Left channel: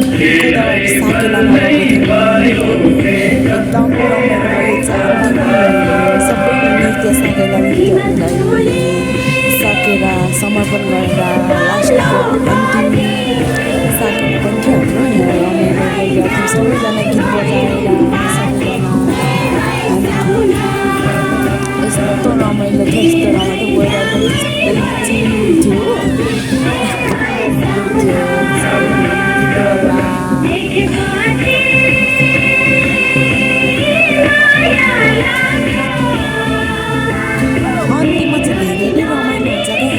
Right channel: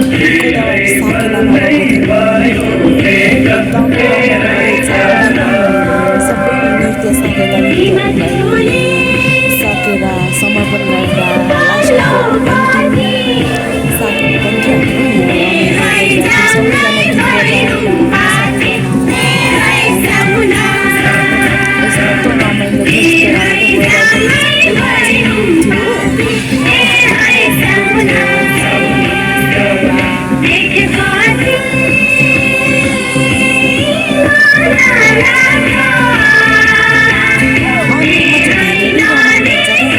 गोदावरी साकेलामा गएको थियौँ। एकदम रमाइलो भएछ। सबै नृत्य साकेला नृत्यहरूलाई सकेर समर्पण गरेर लास्टको अन्तिम साकेला पनि थियो हाम्रो। यहाँ रमाइलो गरिरहेको थियौँ। सबैजना गीत बजाएर सबैजना यस्तो रमाइलो थियो, यस्तो रमाइलो वेदर पनि चिल थियो। अन्तिममा चाहिँ धेरै नै रमाइलो हुन्छ क्या।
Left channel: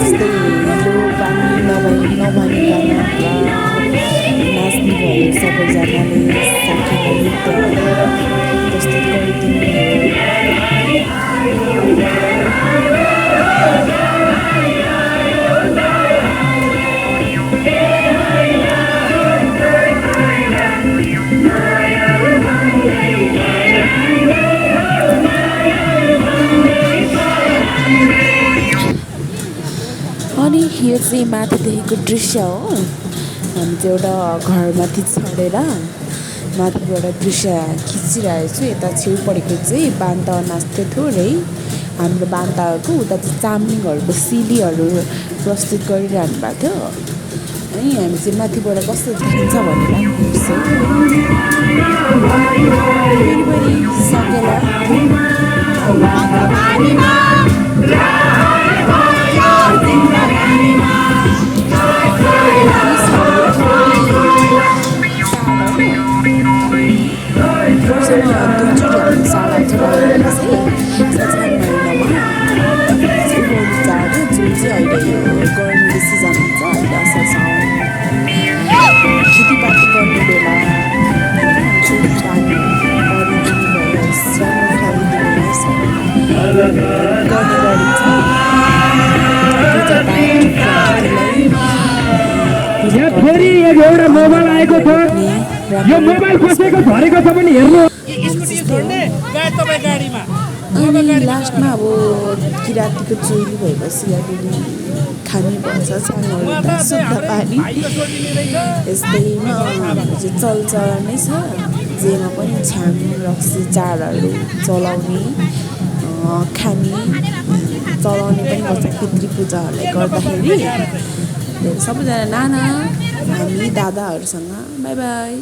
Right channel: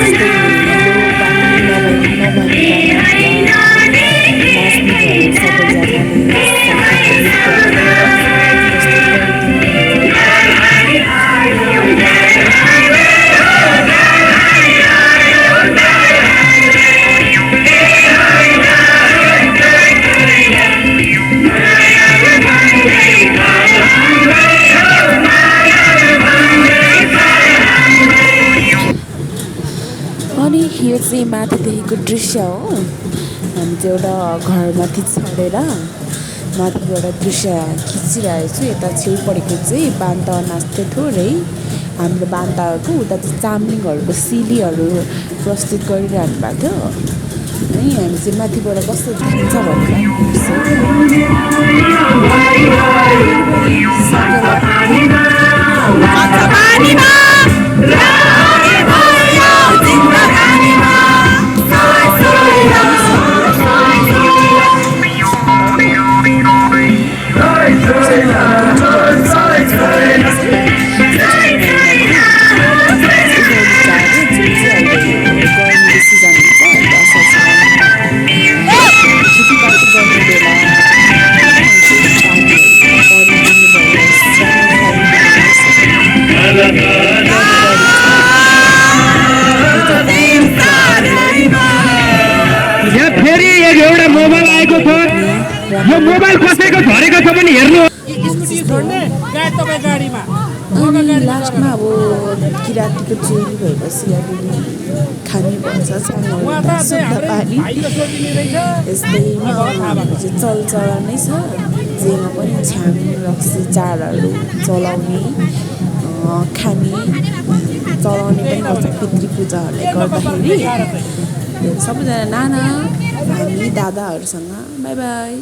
जस्तै हिलो पानी नभनिकन नाच्ने भयो सबैजनाले साकेला नृत्यहरू प्रस्तुत गरिदिनु भयो। अनि यो चाहिँ माथिदेखिको दृश्य हो। हामी चाहिँ एउटा घरमाथि चढेर माथिबाट दृश्य खिचिरहेको छु। यता छेउपट्टिको चाहिँ बान्ता नाच्दै थियो है। हाम्रो बान्ताको उता चाहिँ चाम्लिङहरूको सिलीहरू प्रस्तुत गरिरहनु भएको थियो है। हामी चाहिँ माथिबाट कस्तो देखिन्छ भनेर हेर्छौँ। साकेला गर्मीको सिजन हुन्छ अहिले असार साउन खेतीपाती गर्ने बेला पानी परिदिनु भयो, सानो फेरि एउटा मोबाइल आएको छ। यो मोबाइल कसैको झरेको छ भने हेर्नु। अनि लास्टमा अब किराँतीको चोइली भएपछि अलिअलि खाने भन्छ छाङहरू शुद्ध पानी यस्तैमा हाम्रो चाहिँ चलचलन नै छ। जेमा पनि छ्याङ रक्सी चाडहरू चलाउने खाने चलाउने पनि गर्छ पितृ पूजाहरूलाई गर्दाखेरि। सबैजना नाना हामी दादाहरूसँग बाई बाई।